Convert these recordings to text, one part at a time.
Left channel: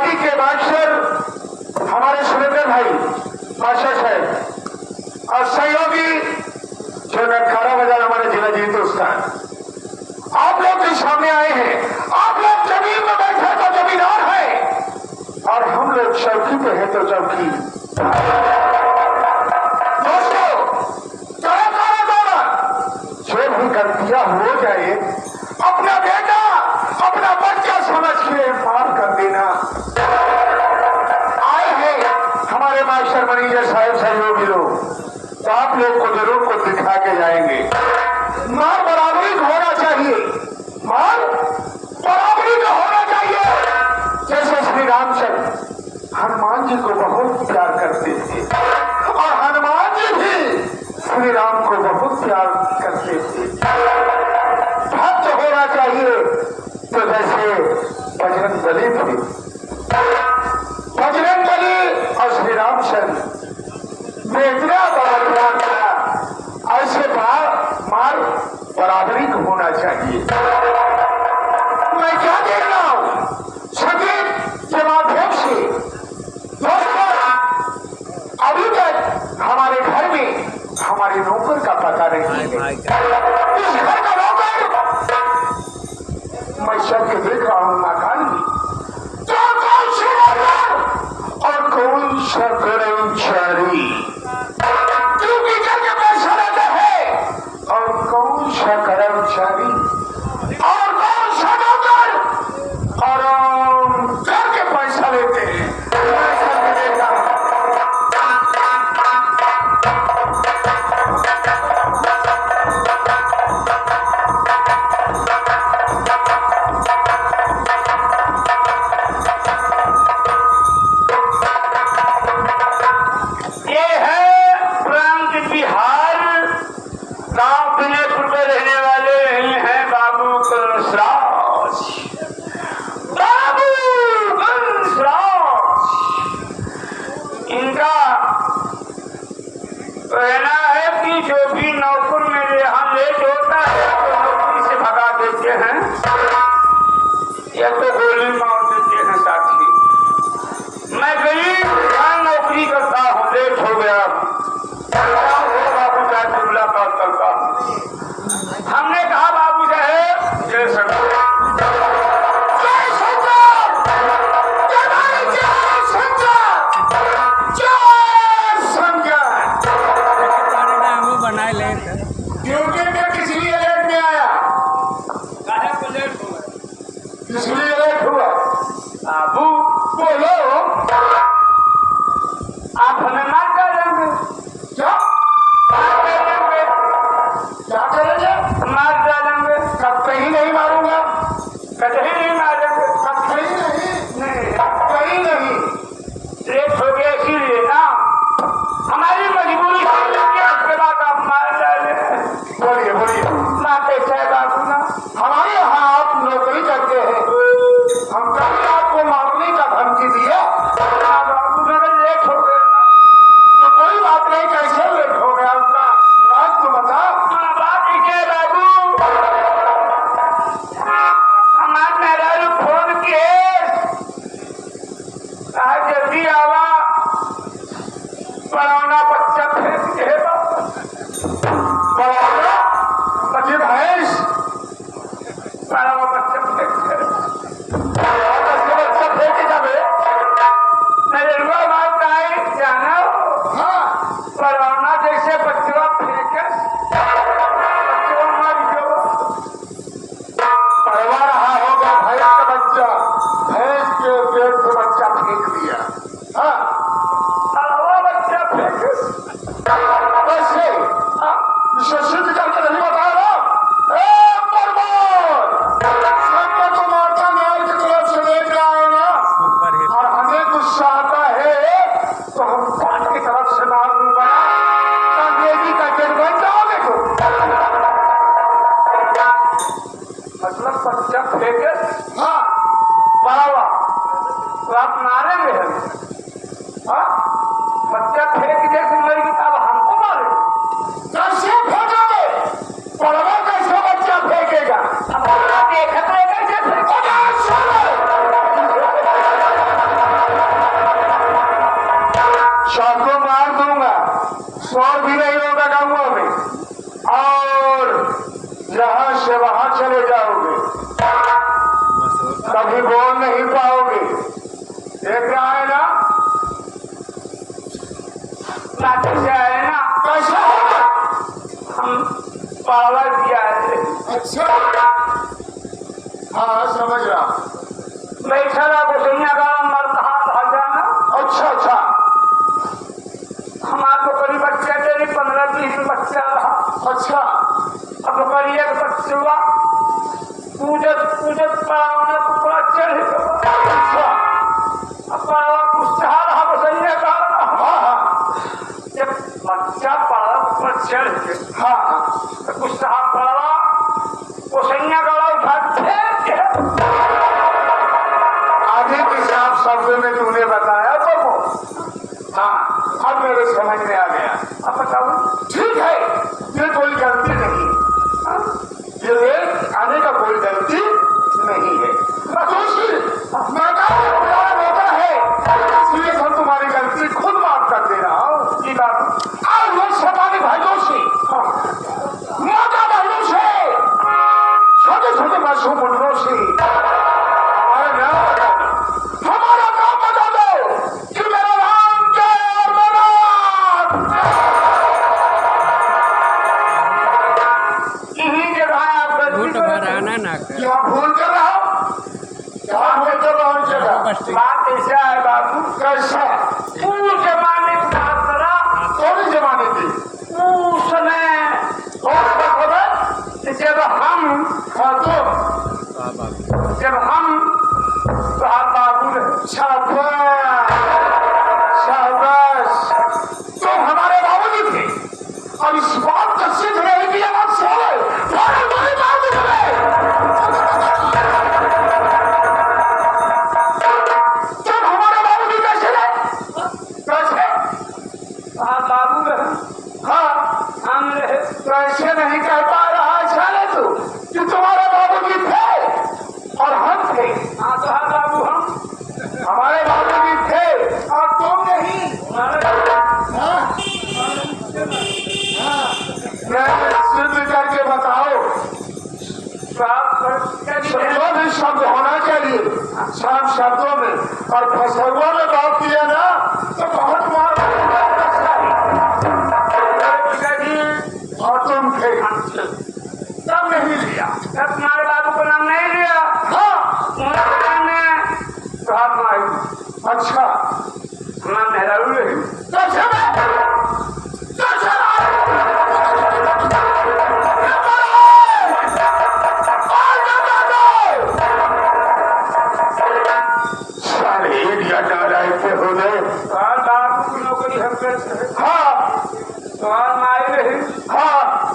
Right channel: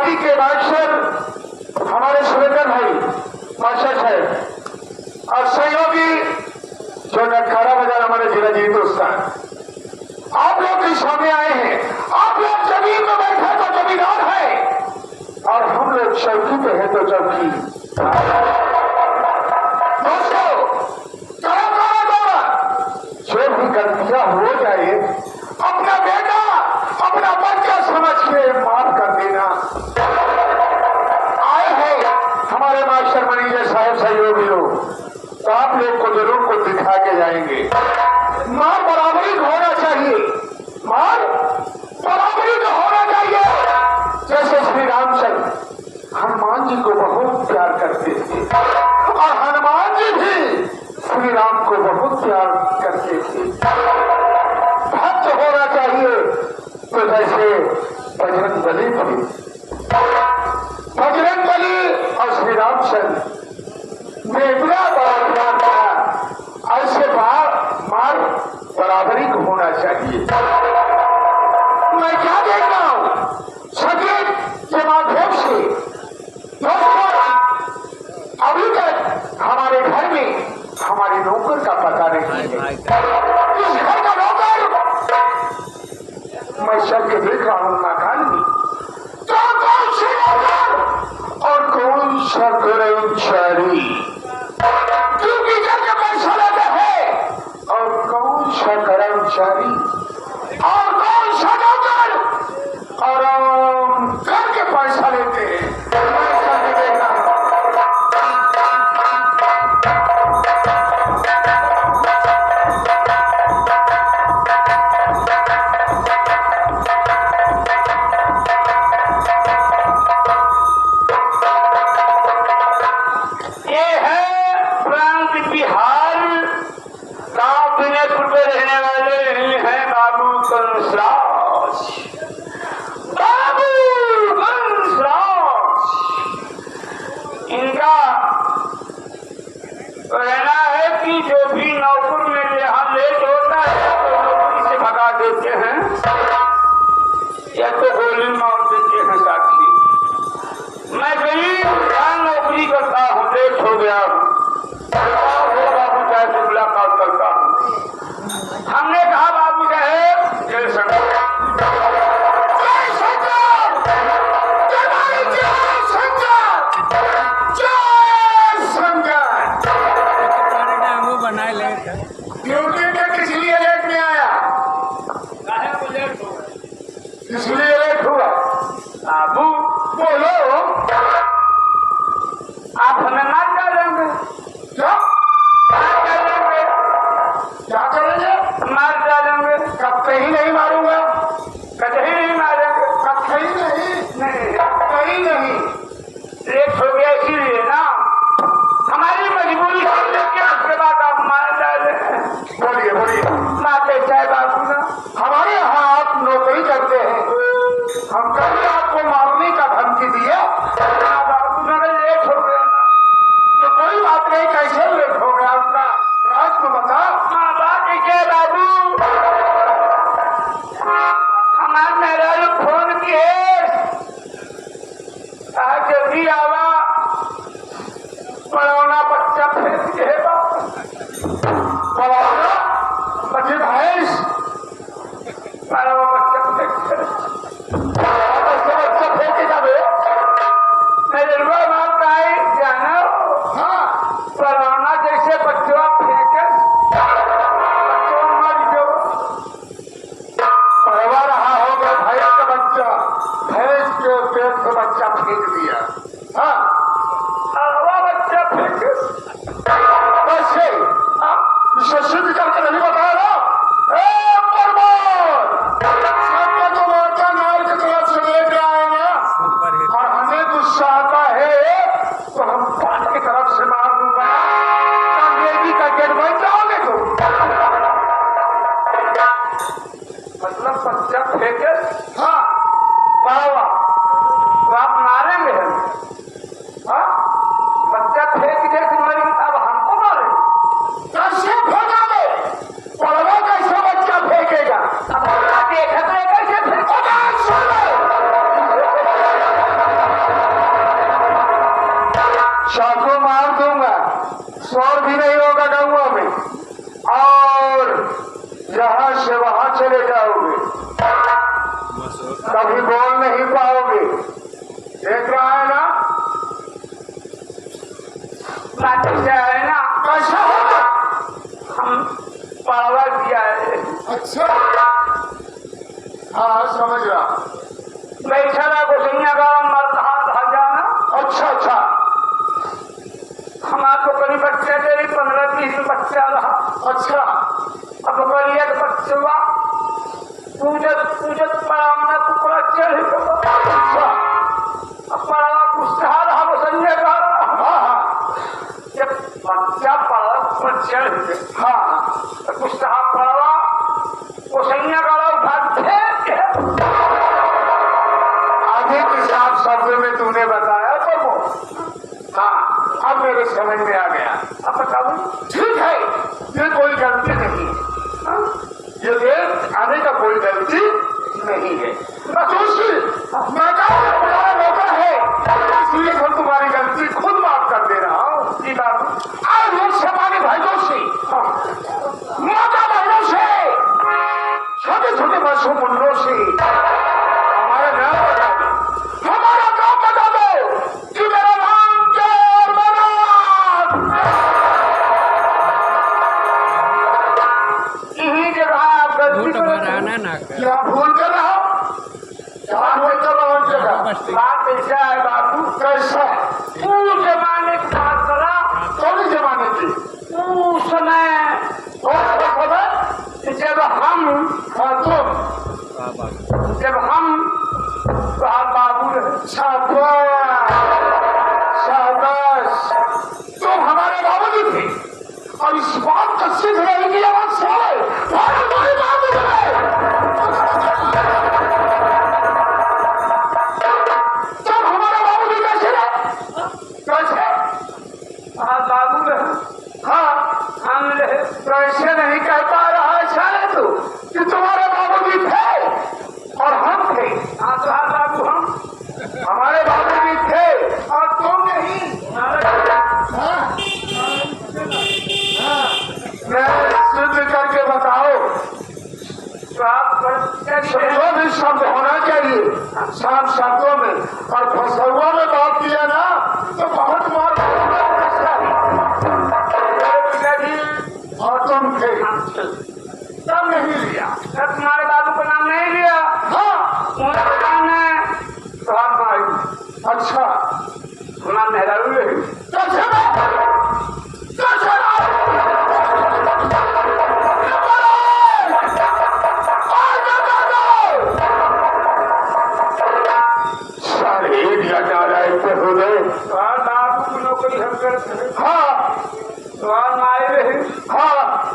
आदि के बादशाह हमारे सुरेंद्र भाई बादशाह साहब और सहयोगी जो नटखारा बाजार हमारे जिला जी दोस्त हैं, आप लोग भी सामने आए हैं। आप लोग जमीन में बैठे तो जमींदार है और हम लोग चौकी पे हैं तो चौकी। दोस्तों जो भी गलतियां हो जाए अपना बेटा अपना बच्चा समझ के माफ कर देना। आए हैं हमारे मास्टर मैनेजर साहब सहयोगी लोग, तो आप लोग को जरूर कुछ दिखा के जाएंगे। मां बराबरी होना चाहिए, मां बराबरी का होना चाहिए। जैसे श्री रामचंद्र हनुमान जी को बहुत प्यार करते थे और हनुमान जी भी श्री राम को बहुत प्यार करते थे। भक्त होना चाहिए तो जैसे बजरंग बली थे, बजरंग बली और श्री रामचंद्र बेटा ऐसे मार बराबरी को होना चाहिए। मैं क्या देख रहा हूं संगीत के माध्यम से दोस्तों, अभी तक हमारे घर में हमारे नौकर का पता नहीं है। इस घर का नौकर मैं सबके देख रहा हूं मकान में, तो कौन से नौकर और कौन सा कर्मचारी क्योंकि घर के पैसा लेते हैं और कौन सा कर्मचारी और कौन सा नौकर और घर के पैसा लेते हैं। कहना है कि जो भी नौकर मेरे यहाँ लेट होता है तो नौकरी से भगा देते हैं या तो गोली मार देते हैं। साथी मैं गरीब नौकरी करता हूँ, लेट हो गया बाबू साहब से मुलाकात करता हूँ। हमने कहा बाबू साहब जय शंकर बनाए लेट है क्योंकि किस लिए लेट में आया, काहे को लेट हुआ, इसलिए लेट हुआ। बाबू बोलो आप हमें मार डालेंगे क्या? क्या करेंगे? मार डालेंगे। कहीं नहीं मारूंगा, कहीं नहीं मारेंगे, कहीं नहीं, कहीं नहीं। लेट हो गया इसीलिए ना, हमारी मजबूरी के बाद आप मार डाले। बोलिए बोलिए मारते चाहे बाबू ना, हमारे यहाँ आप नौकरी करते हैं, हम कभी आपको मारने का धमकी दिया? बाबू मेरे लेट हो गया ना, तो कोई बात नहीं, कैसे लेट हो गया उसका राज को बता। बात है बाबू, हमारे मेरा फोन किए जल्दी आवा, पढ़ाना बच्चा फेंक दे, पढ़ाना बच्चे भैंस पढ़ावा बच्चा फेंक दे, बच्चा फेंके जावे मेरे रुआ बात का है जाना। हाँ पढ़ाना जैसे बच्चा फेंके बच्चों मर जाओ, पढ़वा रहा होगा भैंस का बच्चा, भैंस के पेट से बच्चा फेंक दिया। हाँ सिद्ध करके नहीं बताया ना, तो मोटा नार की तरफ से लेकर आएगा और हमें गुस्सा आता है तो हम पान की तरफ से मार दूंगा, अंग्रेजी का गेट बन जाओगे तो। मतलब बच्चा फेंके, हाँ बाबा तो आप मारेंगे हम, हाँ बच्चा फेंक जैसे मर गई अब हमको मारे, कैसे फेंकोगे? पढ़वा कैसे बच्चा फेंकेगा? अब देखा तो कैसे फेंकेगा? कहाँ चले जाओगे? कभी बोल नहीं पाओगे। देख रहा है ना, लाठी से है ना, कैसा है? हम पावा दिया है। अच्छा, हाँ समझ रहा। बैठा रहा को सुनने का मर कहाँ भाग जाना। अच्छा अच्छा, हमारे तो करीब बच्चा तेरी 15-20 बच्चा रहा। अच्छा, अब कोई एक बच्चा पूजत पड़ावना टुकड़ा चढ़ गया। अच्छा, अब पड़ावा कुछ रहा वो संजय का। हाँ, जब बच्चा पड़ा पर चढ़ गया। हाँ, कुछ पड़ावा वो संजय का भागते आगे किसी आप शब्द में तूने बताया तो हाँ, अब मेरे समझ में आ गया। अब बताओ, ठीक है, ये कोई गलती नहीं है, ये देर आने का कोई गलती नहीं है। मैं रोका है, इसलिए हम तुम्हारी गलती खुद माफ कर दे रहा हूँ। ये बात आज लोकसभा के भाइयों से, माता बहनों से, छोटे छोटे मासूम मुन्नों से हमारा नाम बता दो, हमारा नाम बता दो कि मेरा नाम क्या यही जगह आप गलती क्या भूल कर रहा हो? क्या भूल कर रहा हूँ जगह? बात ऐसा है बाबू, कैसा पूरे जमाने की बात करा। कौन जमाने की? उस समय जब हम बाबू शाबाश, तो हमारे बाबूजी थे। अब इस बात का सिद्ध नहीं किया बात साले तब हमारे बाबूजी कैसे रहे? कैसे? हाँ बाबू रहे, हाँ हम रहे। तो ऐसे नहीं कह पा रहा है साले तू कि तुम्हारे बाबूजी थे और हम थे। हाँ तो हाँ बाबू, हम हमारे बाबूजी थे और तुम नहीं। सिद्ध करके बताओ, शब्दों में शब्द होना चाहिए, साफ शब्दों में। और फसौआ में बात किया ना तो बहुत मार। और तुम थे तब नहीं लिया, तब तुम्हारे बाबू का नाम नहीं लिया। हाँ, नाम है। अच्छा, नाम नेहरू है। कैसे नौकरी हम करते। हाँ, हाँ,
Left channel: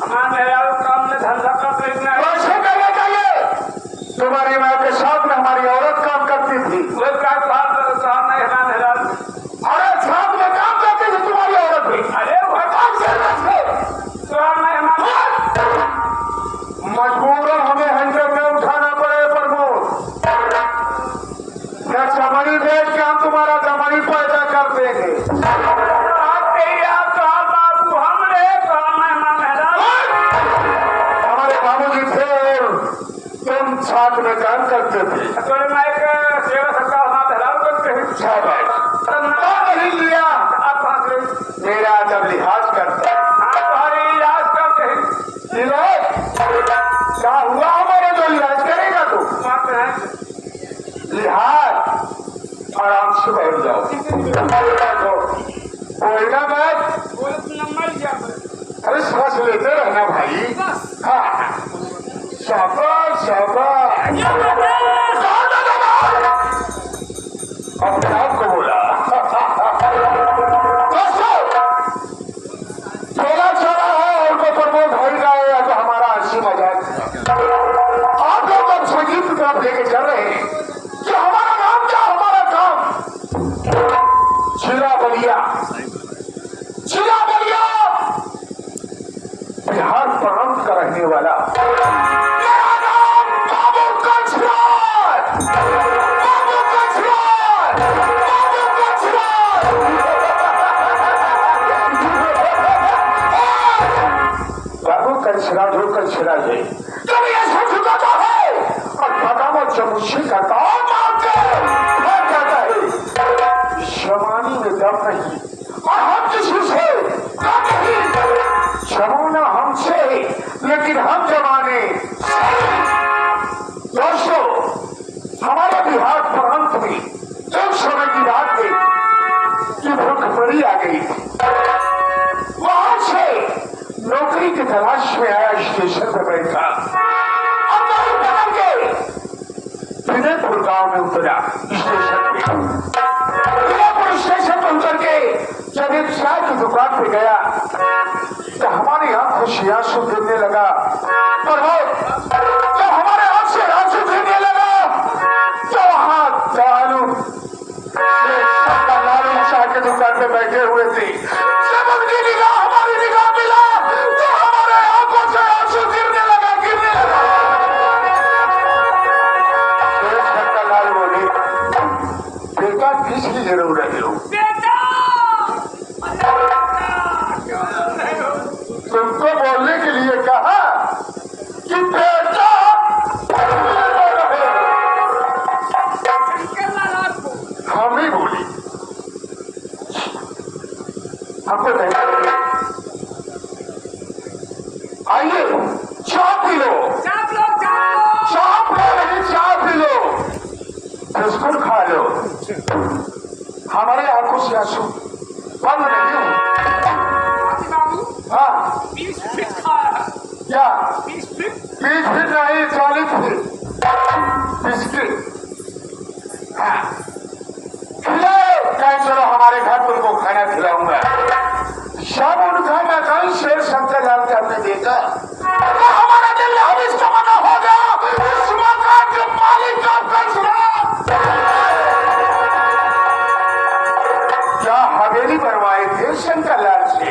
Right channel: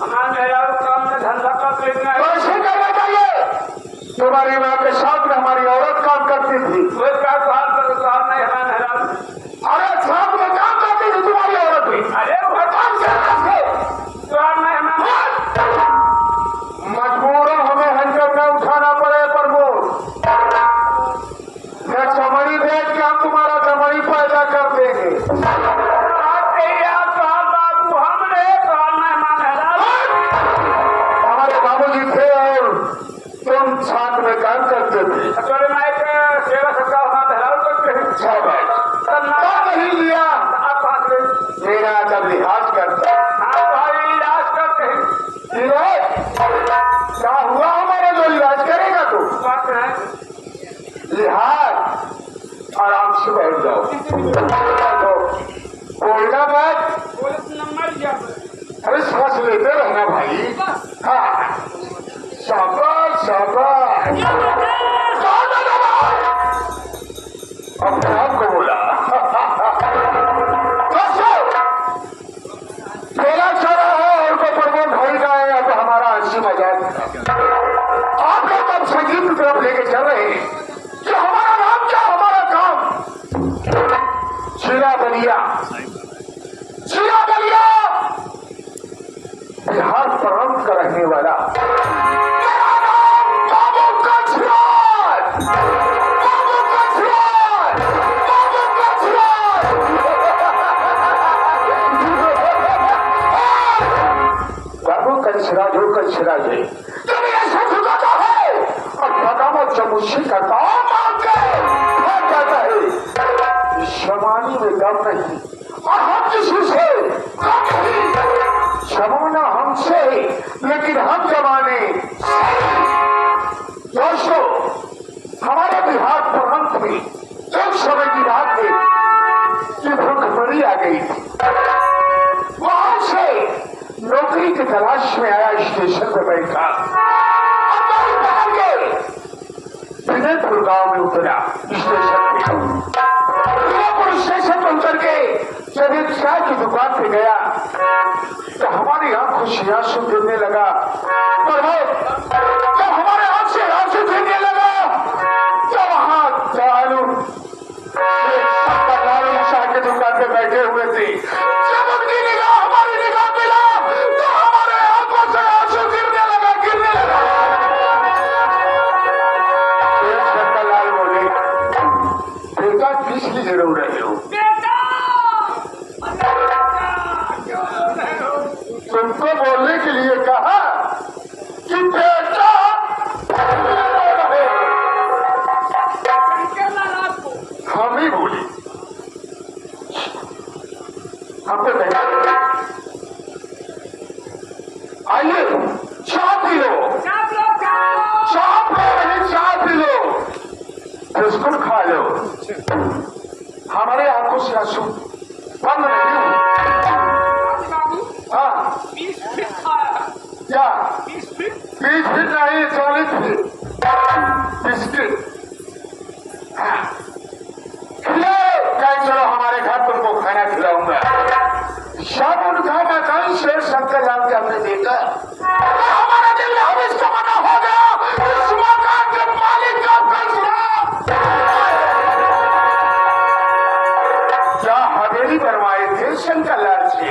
हमारे काम में धंधा करते कैसे करना चाहिए? तुम्हारी माँ के साथ में हमारी औरत काम करती थी। वो क्या काम नहीं अरे साथ में काम करती थी तुम्हारी औरत भी। अरे वो काम से मजबूर हमें हैंडल न उठाना पड़े प्रमोद, मैं चमड़ी भेज के हम तुम्हारा चमड़ी पैदा कर देंगे। हमारे बाबूजी थे और तुम साथ में काम करते थे। सेवा करते हैं। नहीं लिया, मेरा जब लिहाज करता। लिहाज करते हैं। क्या हुआ हमारे जो लिहाज करेगा तू? लिहाज आराम से बैठ जाओ, बोलना बात। अरे सांस लेते रहना भाई। हाँ, शाबाश शाबाश। अपने आप को बोला। थोड़ा छोड़ा है और प्रमोद भाई का है तो हमारा हंसी मजाक। आप लोग अब संगीत की तरफ लेके चल रहे हैं कि हमारा नाम क्या, हमारा काम चिरा बलिया। चिरा बलिया बिहार प्रांत का रहने वाला मेरा नाम बाबू कछराज। बाबू कछराज। मुझसे कताओ मांगते क्या कहता है शमानी में दम नहीं और हम किसी से कम नहीं शमाना हमसे लेकिन हम जमाने दोस्तों हमारे बिहार प्रांत में एक समय की बात थी कि भुखमरी आ गई थी वहां से नौकरी की तलाश में आया स्टेशन पर बैठा विजयपुर गांव में उतरा स्टेशन पे विजयपुर स्टेशन पर उतर के जब एक चाय की दुकान पे गया तो हमारी आंखों से आंसू गिरने लगा तो हमारे आंख से आंसू गिरने लगा तो वहां लालू चाय की दुकान पे बैठे हुए थे जब उनकी निगाह हमारी निगाह मिला तो हमारे आंखों से आंसू गिरने लगा लाल बोले बेटा किस लिए रो रहे हो तुमको बोलने के लिए कहा कि बेटा हम ही बोले हमको आइए चाय पी लो चाय पी लो बिस्कुट खा लो हमारे आंखों से आंसू बंद नहीं हो हाँ क्या 20 फीट नहीं 40 फीट बिस्किट हाँ चलो हमारे घर तुमको खाना खिलाऊंगा सब उन खाना कहीं शेर शंकर लाल का हमने देखा तो हमारा दिल अब इसका मना हो गया इस मकान के मालिक का फैसला क्या हवेली बनवाए थे शंकर लाल से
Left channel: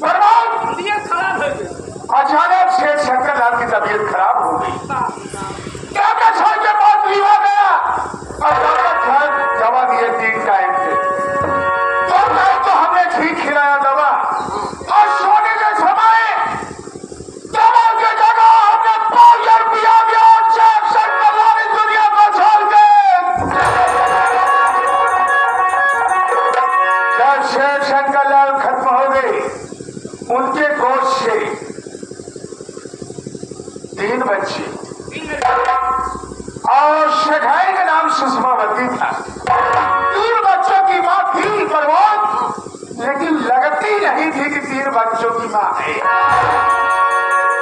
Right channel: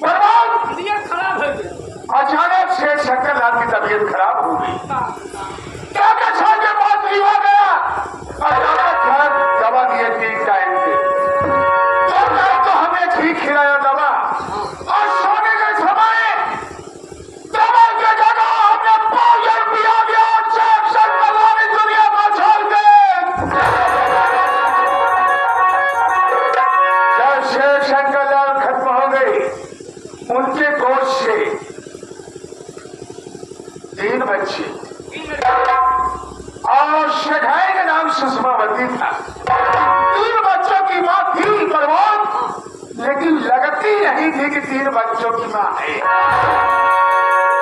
खराब हो गई अचानक से शंकर लाल की तबीयत खराब हो गई के बाद हुआ गया अचानक दवा दिए 3 टाइम पे तो हमने ठीक खिलाया दवा और सोने के समय दवा के जगह हमने पाउडर पिया गया और सारी दुनिया को छोड़ दे जब शेर शंकर लाल खत्म हो गए उनके गोश्त से 3 बच्चे और शेखाई का नाम सुषमावती था 3 बच्चों की मां थी परवोज लेकिन लगती नहीं थी कि 3 बच्चों की मां है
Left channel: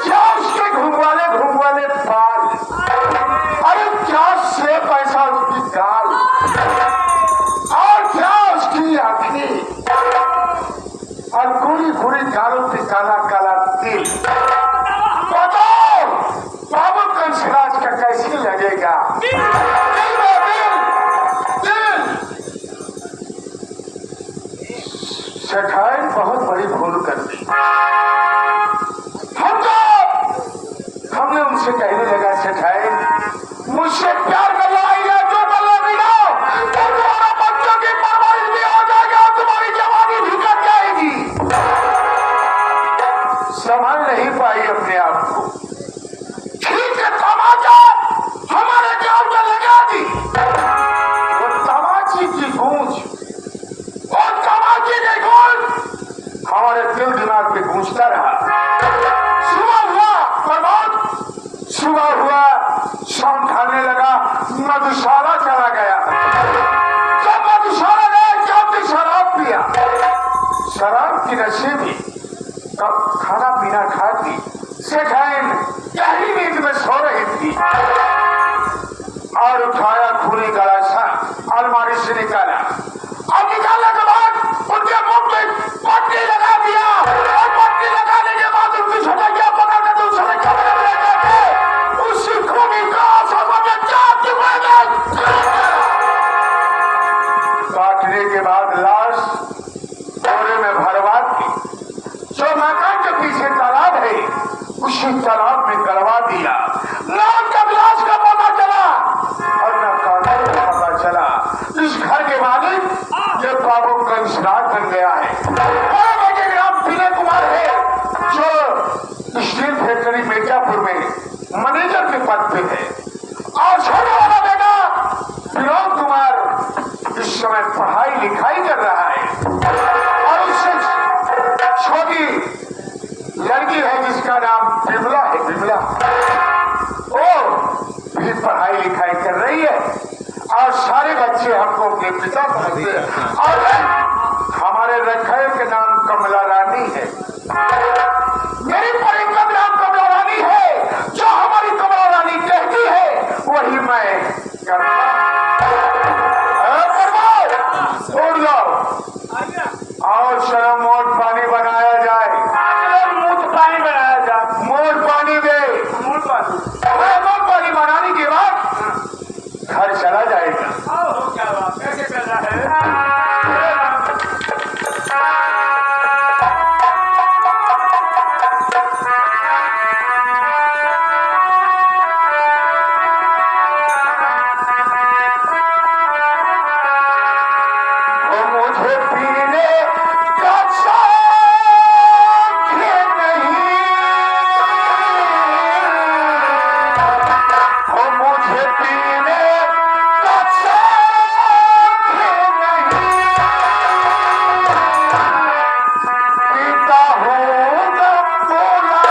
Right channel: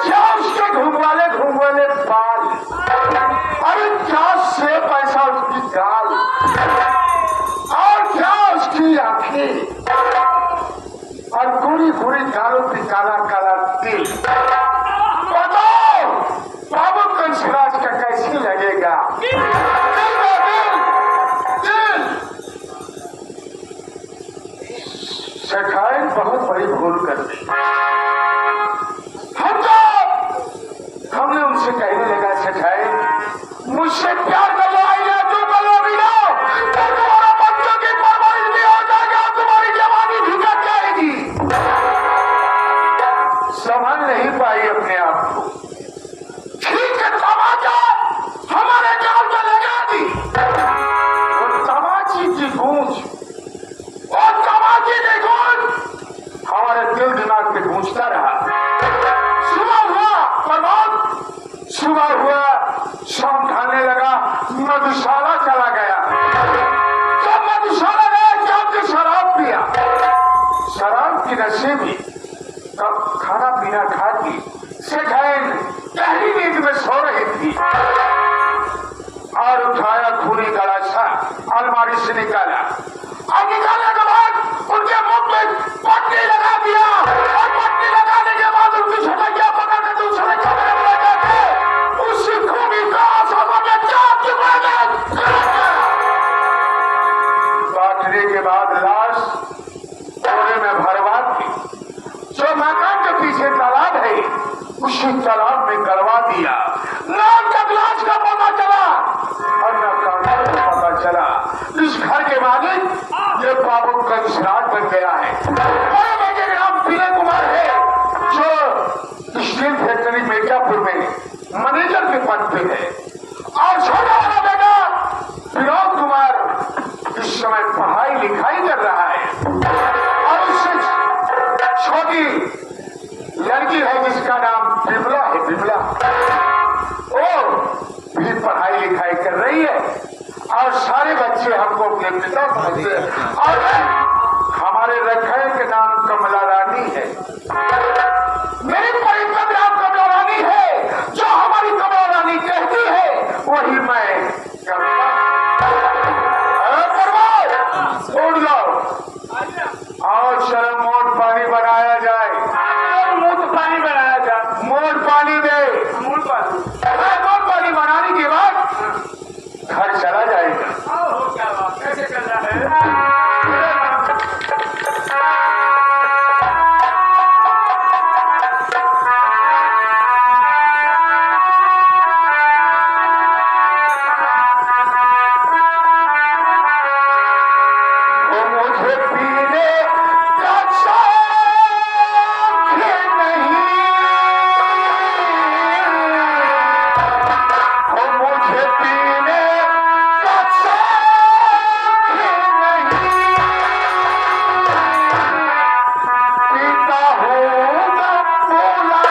क्या उसके घूमवाले बाल अरे क्या से पैसा उसकी दाल और क्या उसकी आंखें और पूरी दालों की काला काला तिल बताओ बाबू कंसराज का कैसी लगेगा शेखाई बहुत बड़ी भूल कर दी हमने उनसे कहने लगा शेखाई मुझसे प्यार कर लो आइए तो कर लो बिना तो तुम्हारा बच्चों की परवरिश भी हो जाएगा तुम्हारी जवानी भी कट जाएगी संभाल नहीं पाई अपने आप को ठीक है तमाचा हमारे गांव का लगा दी वो तमाची की गूंज और तमाची की गूंज हमारे दिल दिमाग पे गूंजता रहा सुबह हुआ प्रभात सुबह हुआ शाम ढलने लगा मधुशाला चला गया जब मधुशाला गया जब शराब पिया शराब की नशे में तब खाना पीना खा के शेखाई पहली नींद में सो रही थी और उठाया खूनी गलासा अलमारी से निकाला और निकालने के बाद उनके मुंह में पट्टी लगा दिया और पट्टी लगाने के बाद उनकी छोटे क्या पता कि दूसरे कमरे में जाके उसी खूनी गलासा में चाट काटने के बाद लाश बोरे में भरवा दी जो मकान के पीछे तालाब है उसी तालाब में करवा दिया ना जब लाश का पता चला और न कानून का पता चला इस घर के मालिक ये बाबू कंसराज बन गया है और बेटे का नाम विनय कुमार है जो स्टील फैक्ट्री मिर्जापुर में मैनेजर के पद पे है और छोटे वाला बेटा विनोद कुमार इस समय पढ़ाई लिखाई कर रहा है और उससे छोटी लड़की है जिसका नाम विमला है। विमला वो भी पढ़ाई लिखाई कर रही है और सारे बच्चे हमको अपने पिता समझते हैं और हमारे रखैल के नाम कमला रानी है। मेरी परिकद नाम कमला रानी है। जो हमारी कमला रानी कहती है वही मैं करता। उड़ जाओ और शर्म मोट पानी बनाया जाए। मुंह पानी बनाया जाए। मोट पानी दे। मूल पानी मोट पानी बनाने के बाद घर चला जाएगा। हो क्या बात कैसे चल रहा है? वो मुझे पीने का शौक नहीं। वो मुझे पीने का शौक नहीं। पीता हूँ जब बोला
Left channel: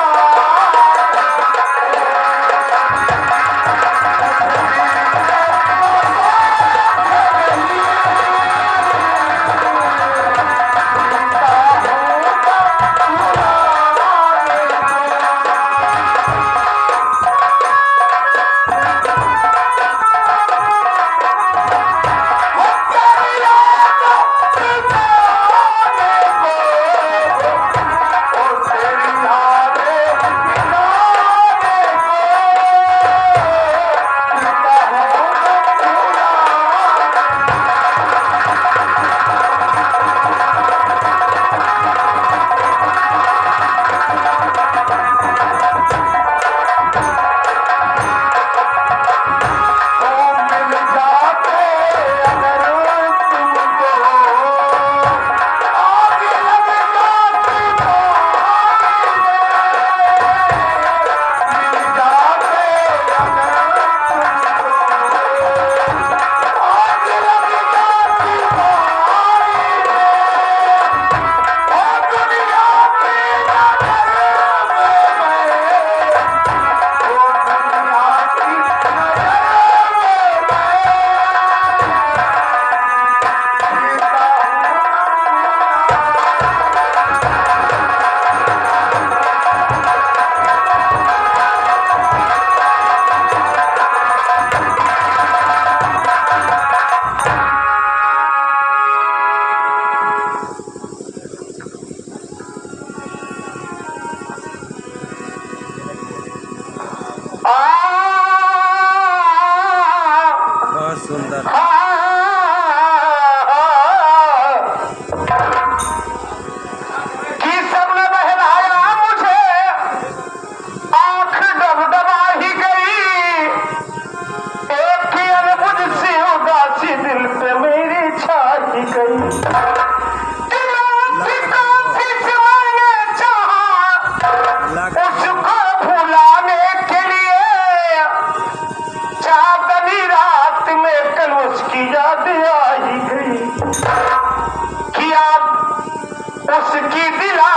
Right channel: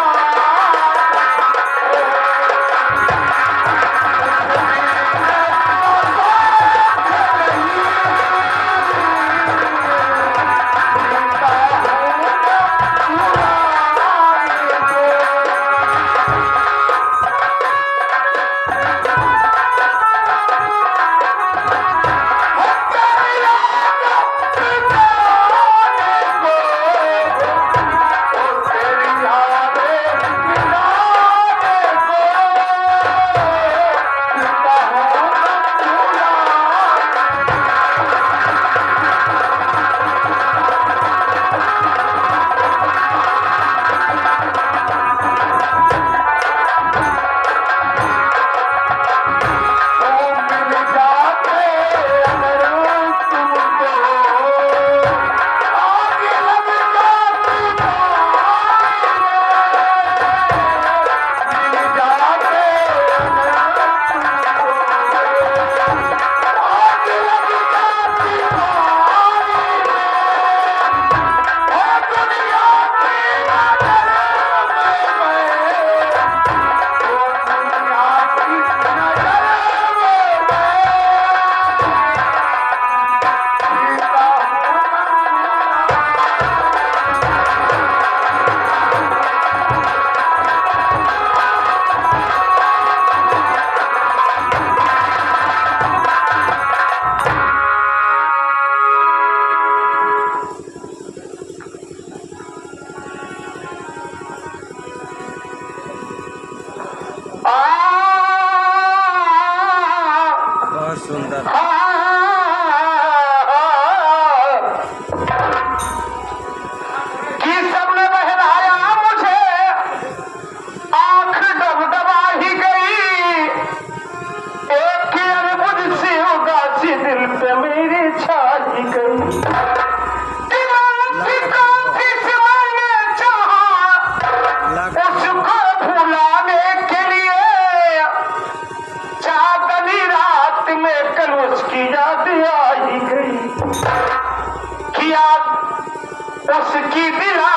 बहुत सुंदर। कि सबने बहलाया मुझे, आंख डबडबा ही गई। एक की अनबुझ सी उदासी दिल पे मेरी छा ही गई। कि मैं काफी से मैंने चाहा उसको भुलाने के लिए, चांदनी रात में कल उसकी याद आ ही गई। कि आप उसकी दिला